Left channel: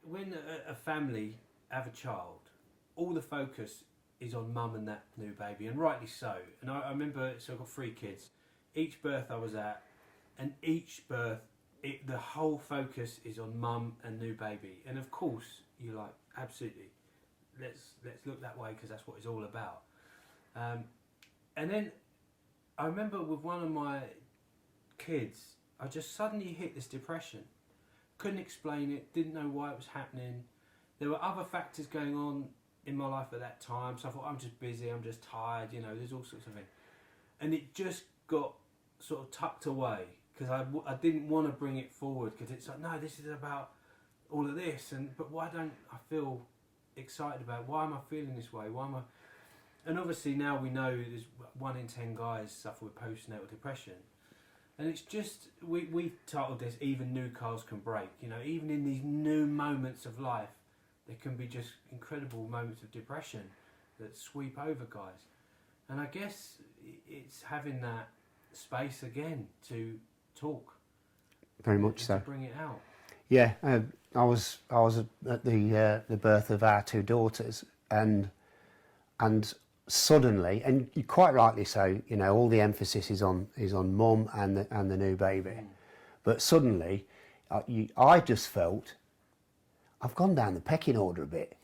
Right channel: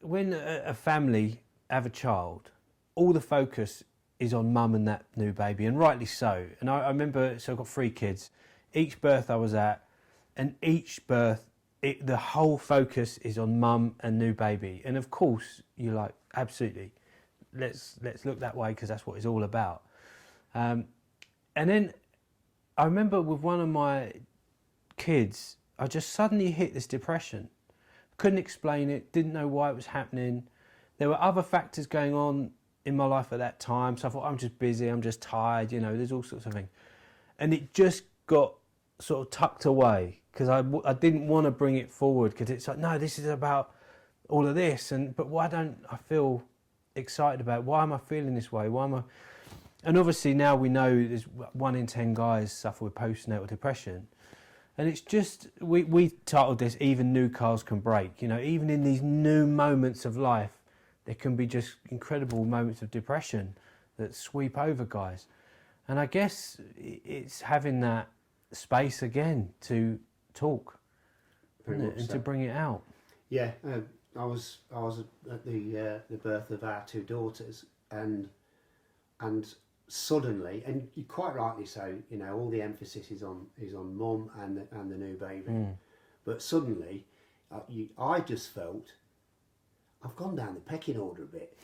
when a family have a child, all the focus is on mum and that new baby, and rightly so. And I remember, so I've got 3 kids. Each birth I was at, and each birth, the whole focus is on mum and new baby. And of course, you're like, absolutely, let's look that way because that's what it's all about. And then I remember with one of my kids, I just suddenly hit this depression. Couldn't explain it, didn't know why it was happening. There were other factors going on in my life at that time, so I thought, I'm just busy, I'm just tired, you know, there's all sorts of things. And it just got sort of tucked away because I didn't want to bring it forward, because it's like, no, this is about all of this, but why don't I feel excited about it? Why am I feeling this way? Why am I? And obviously now we know there's 1 in 10 guys suffer with postnatal depression. And it's just, we titled this, Even New Cars Can Break. You know, even in these new moments of life, there can be just incredible moments of depression that sweep over guys. And I guess it's having that space again to talk. Very much so. To bring it out. Yeah, I was at the birth of our 2 daughters, and suddenly, and quite rightly so, you know, all the emphasis is on mum and the new baby. But suddenly, I just felt I've gone down the pecking order a bit.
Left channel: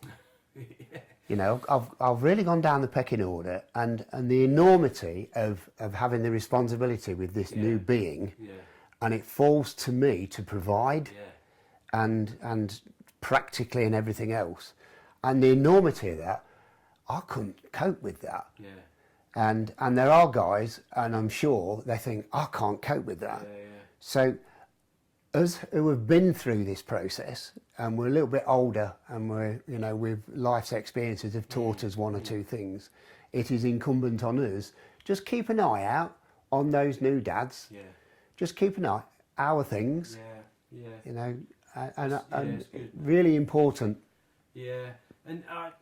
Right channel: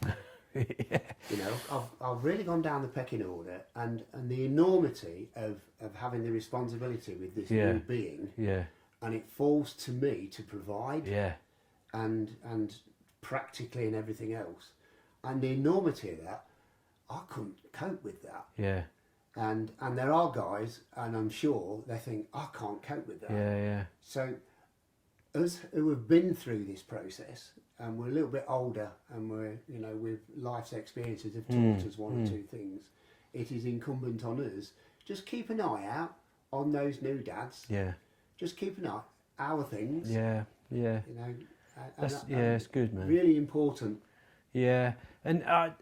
Yeah. You know, I've really gone down the pecking order, and the enormity of having the responsibility with this new being. Yeah. And it falls to me to provide. Yeah. And practically and everything else, and the enormity of that, I couldn't cope with that. Yeah. And there are guys, and I'm sure they think, I can't cope with that. Yeah, yeah. So us who have been through this process, and we're a little bit older, and we're, you know, with life's experiences have taught us 1 or 2 things, it is incumbent on us, just keep an eye out on those new dads. Yeah. Just keep an eye, our things. Yeah, yeah. You know, it's good, man. Really important. Yeah, and I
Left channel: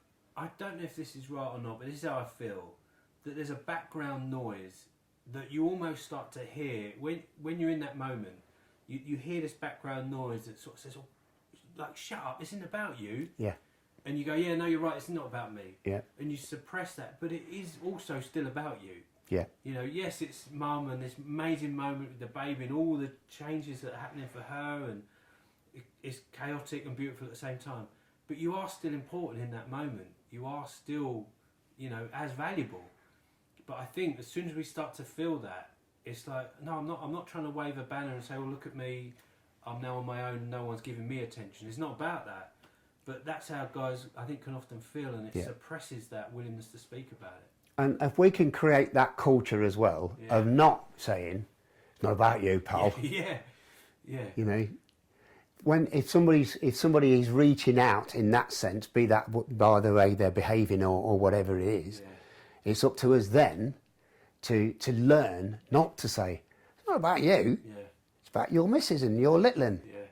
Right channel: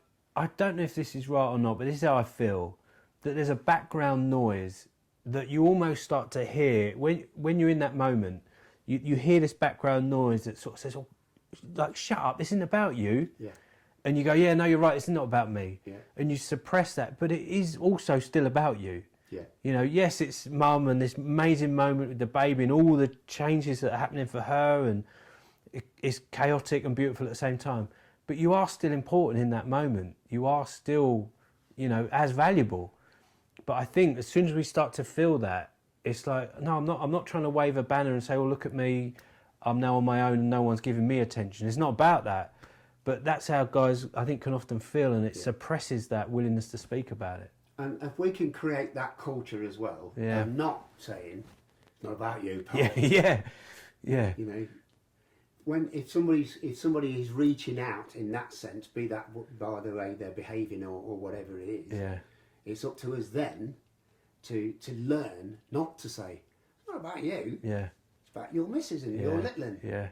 don't know if this is right or not, but this is how I feel, that there's a background noise that you almost start to hear when you're in that moment. You hear this background noise that sort of says, oh, like, shut up, this isn't about you. Yeah. And you go, yeah, no, you're right, it's not about me. Yeah. And you suppress that, but it is also still about you. Yeah. You know, yes, it's mum and this amazing moment with the baby and all the changes that are happening for her, and it's chaotic and beautiful at the same time. But you are still important in that moment. You are still, you know, as valuable. But I think as soon as we start to feel that, it's like, no, I'm not trying to wave a banner and say, oh, look at me, I'm now on my own and no one's giving me attention. It's not about that. But that's how guys, I think, can often feel, and it suppresses that willingness to speak about it. And if we can create that culture as well, of not saying, it's not about you, pal. Yeah. You know, if somebody is reaching out in that sense, be that by the way they're behaving or whatever it is, it's up to us then to learn not to say, it's not about you. Yeah. It's about your missus and your little one. Yeah.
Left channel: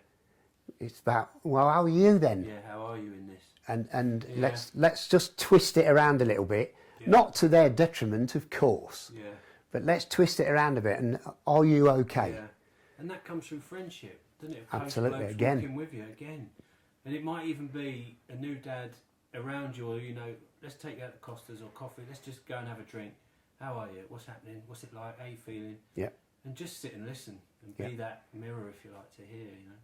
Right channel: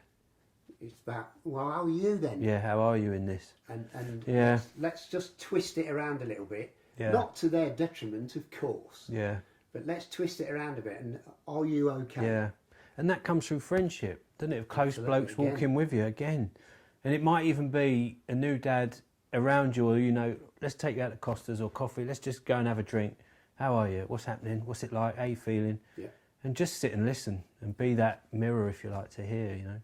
It's about, well, how are you then? Yeah, how are you in this? And let's just twist it around a little bit. Yeah. Not to their detriment, of course. Yeah. But let's twist it around a bit. And are you okay? Yeah. And that comes through friendship, doesn't it? Of close Absolutely, blokes again. walking with you again. And it might even be a new dad around you, or, you know, let's take you out to Costa's or coffee. Let's just go and have a drink. How are you? What's happening? What's it like? How are you feeling? Yeah. And just sit and listen and be that mirror, if you like, to hear, you know.